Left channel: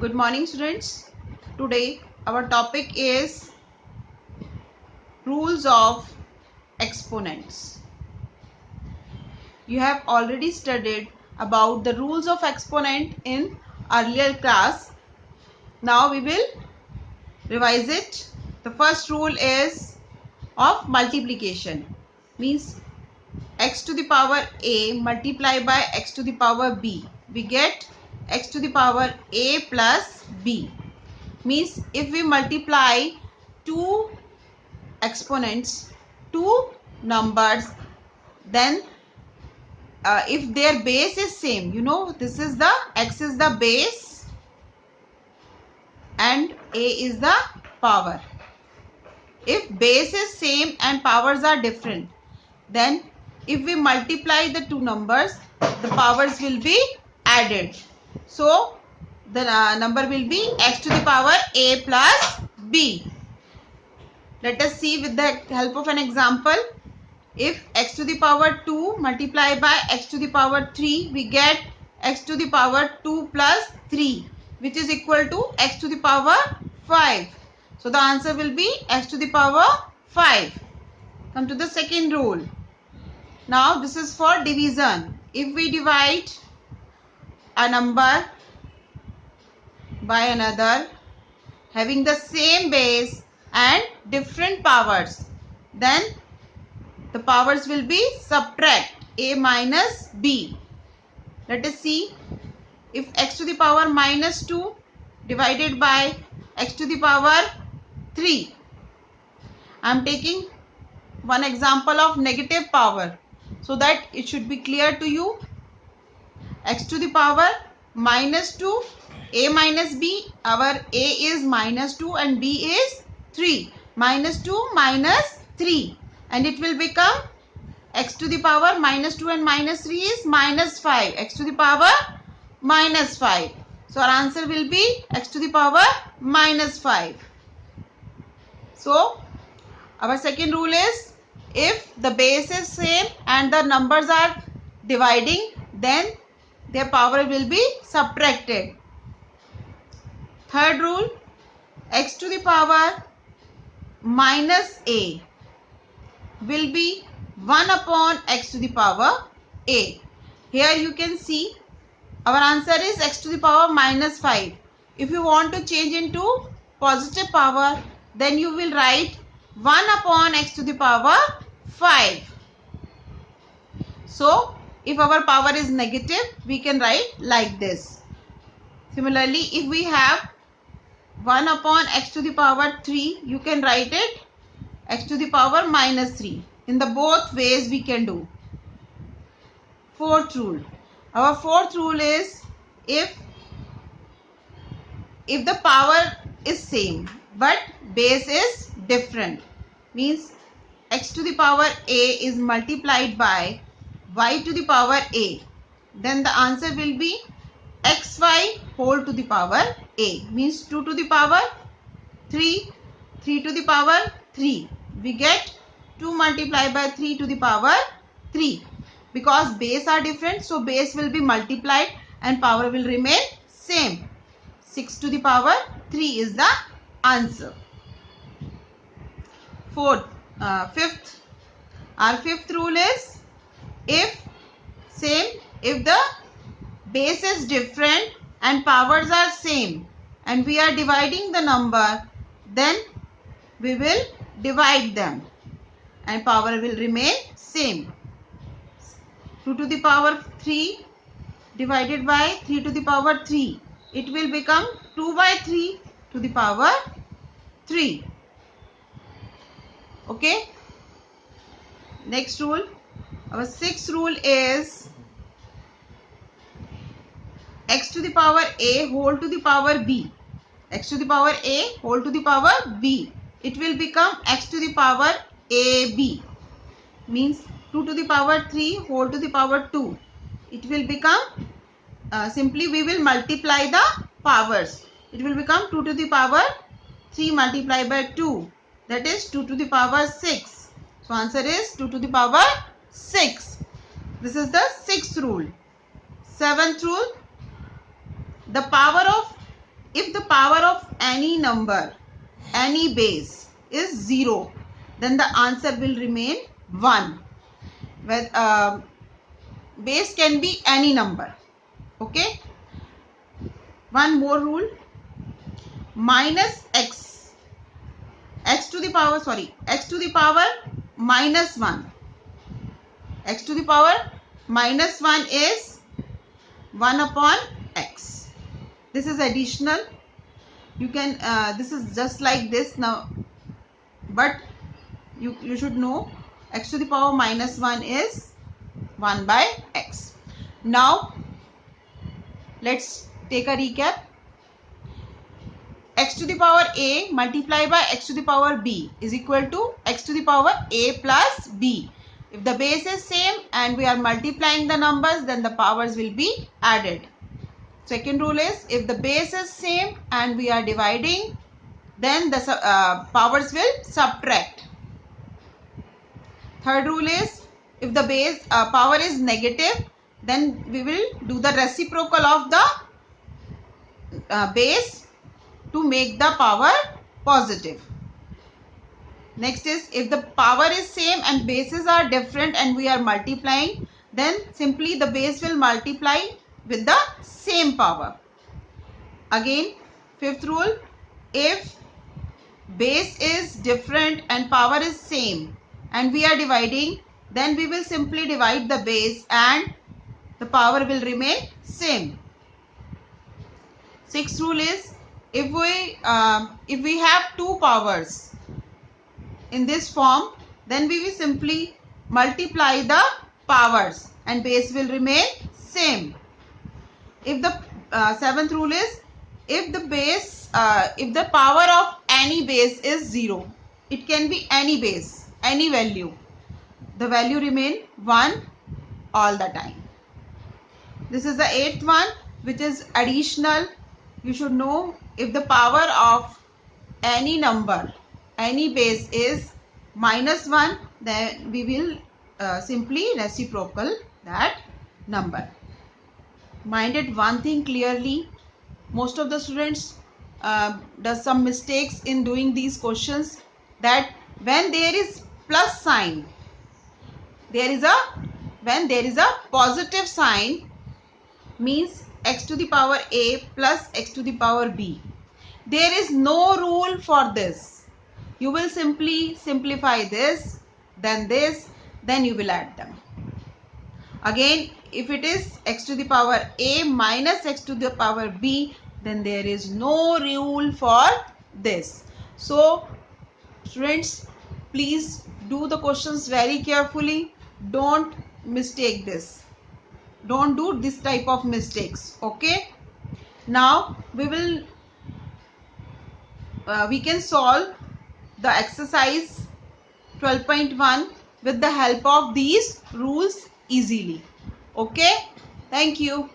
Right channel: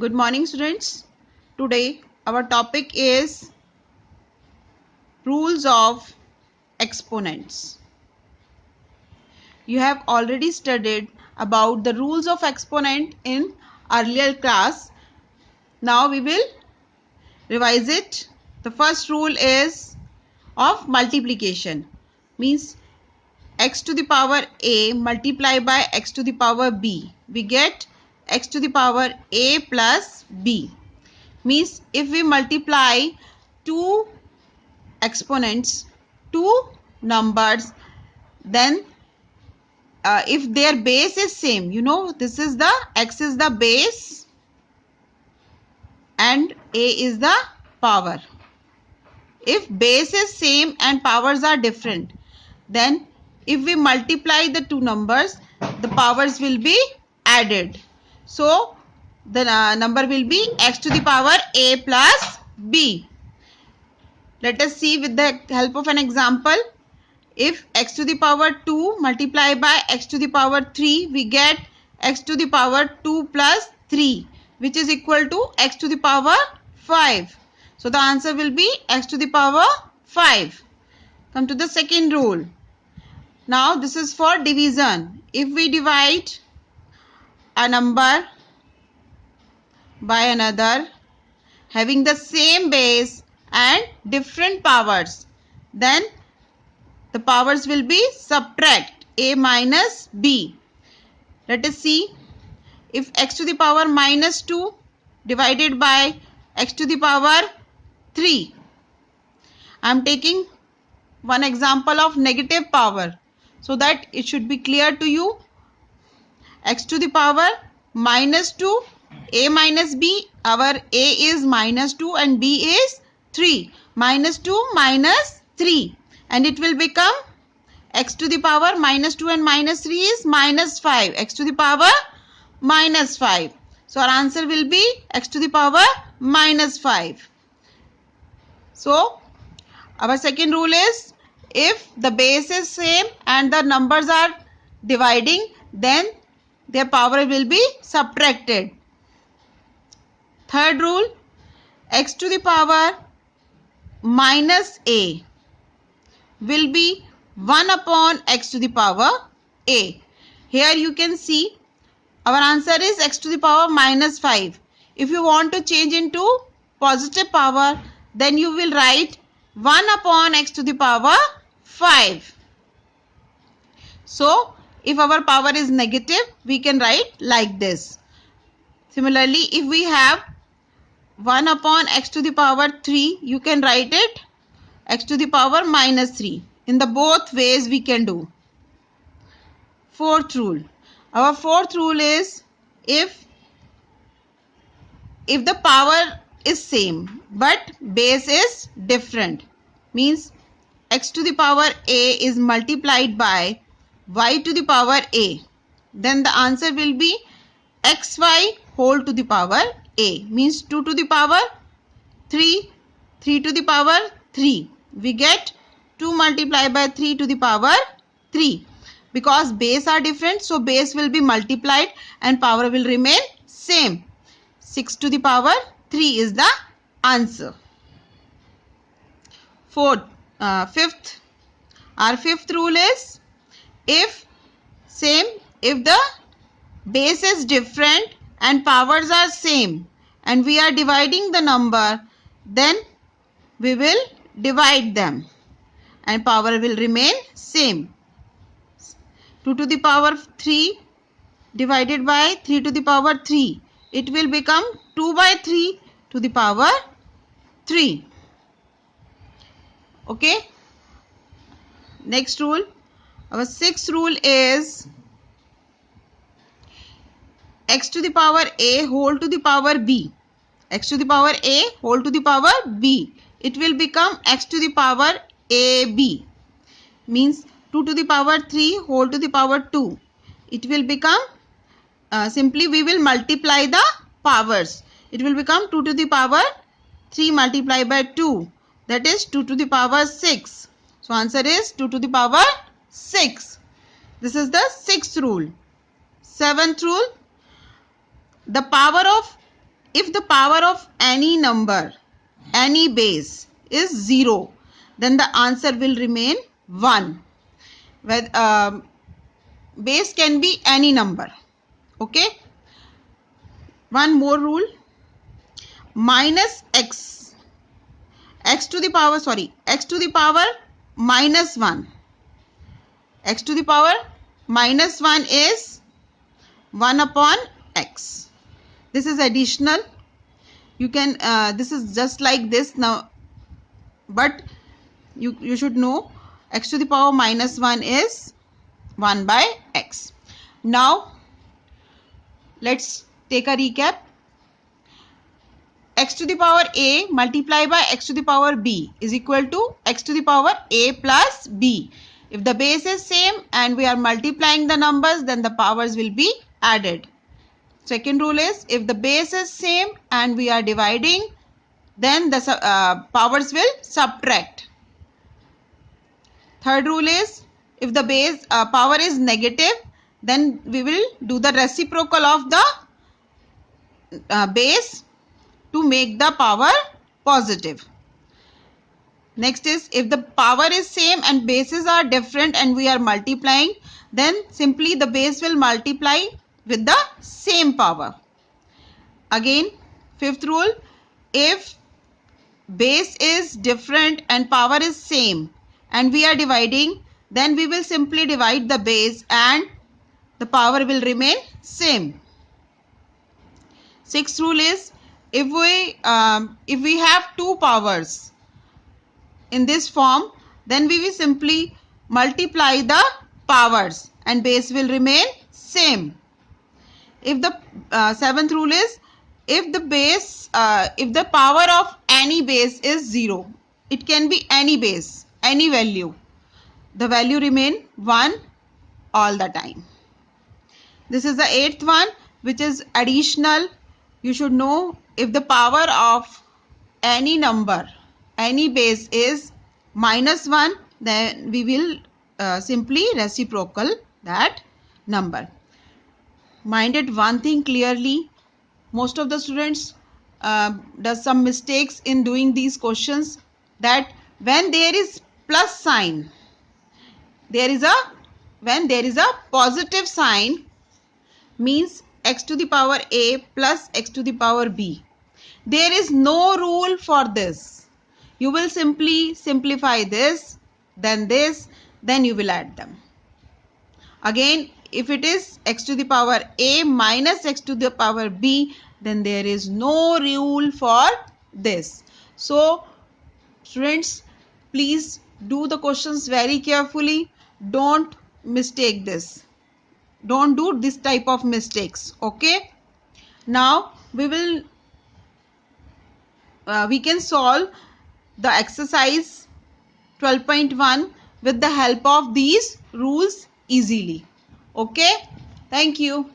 Good morning, students. Today our topic is rules of exponents. You have already studied about the rules of exponent in earlier class. Now we will revise it. The first rule is of multiplication. Means x to the power a multiplied by x to the power b. We get x to the power a plus b. Means if we multiply two exponents, two numbers, then if their base is same, this is the x is the base and a is the power. If base is same and powers are different, then if we multiply the two numbers, the powers will be added. So the number will be x to the power a plus b. Let us see with the help of an example. If x to the power 2 multiplied by x to the power 3, we get x to the power 2 plus 3, which is equal to x to the power 5. So the answer will be x to the power 5. Come to the second rule. Now this is for division. If we divide a number by another having the same base and different powers, then the powers will be subtract a minus b. Let us see. If x to the power minus 2 divided by x to the power 3. I am taking one example of negative power so that it should be clear to you. X to the power minus 2, a minus b. Our a is minus 2 and b is 3. Minus 2 minus 3. And it will become x to the power minus 2 and minus 3 is minus 5. X to the power minus 5. So our answer will be x to the power minus 5. So our second rule is if the base is same and the numbers are dividing, then their power will be subtracted. Third rule, x to the power minus a will be 1 upon x to the power a. Here you can see our answer is x to the power minus 5. If you want to change into positive power, then you will write 1 upon x to the power 5. So if our power is negative, we can write like this. Similarly, if we have 1 upon x to the power 3, you can write it x to the power minus 3. In the both ways we can do. Fourth rule. Our fourth rule is if the power is same but base is different, means x to the power a is multiplied by y to the power a, then the answer will be xy whole to the power a, means 2 to the power 3, 3 to the power 3. We get 2 multiplied by 3 to the power 3. Because base are different, so base will be multiplied and power will remain same. 6 to the power 3 is the answer. Fifth. Our fifth rule is if the base is different and powers are same and we are dividing the number, then we will divide them and power will remain same. 2 to the power 3 divided by 3 to the power 3. It will become 2 by 3 to the power 3. Okay. Next rule. Our sixth rule is x to the power a whole to the power b. X to the power a whole to the power b. It will become x to the power ab. Means 2 to the power 3 whole to the power 2. It will become, simply we will multiply the powers. It will become 2 to the power 3 multiplied by 2. That is 2 to the power 6. So answer is 2 to the power 6. This is the sixth rule. Seventh rule. The power of if the power of any number, any base is 0, then the answer will remain 1. Where base can be any number. Okay. One more rule. Minus x to the power minus 1. X to the power minus 1 is 1 upon x. This is additional. You can this is just like this now, but you should know x to the power minus 1 is 1 by x. Now let's take a recap. X to the power a multiplied by x to the power b is equal to x to the power a plus b. If the base is same and we are multiplying the numbers, then the powers will be added. Second rule is, if the base is same and we are dividing, then the powers will subtract. Third rule is, if the base power is negative, then we will do the reciprocal of the base to make the power positive. Next is, if the power is same and bases are different and we are multiplying, then simply the base will multiply with the same power. Again, fifth rule, if base is different and power is same and we are dividing, then we will simply divide the base and the power will remain same. Sixth rule is, if we have two powers in this form, then we will simply multiply the powers and base will remain same. If the seventh rule is, if the power of any base is 0, it can be any base, any value, the value remain 1 all the time. This is the eighth one, which is additional. You should know, if the power of any number, any base is minus 1, then we will simply reciprocal that number. Mind it one thing clearly, most of the students does some mistakes in doing these questions, that when there is plus sign, when there is a positive sign, means x to the power a plus x to the power b. There is no rule for this. You will simply simplify this, then you will add them. Again, if it is x to the power a minus x to the power b, then there is no rule for this. So students, please do the questions very carefully. Don't mistake this. Don't do this type of mistakes. Okay. Now we can solve the exercise 12.1 with the help of these rules easily. Okay. Thank you.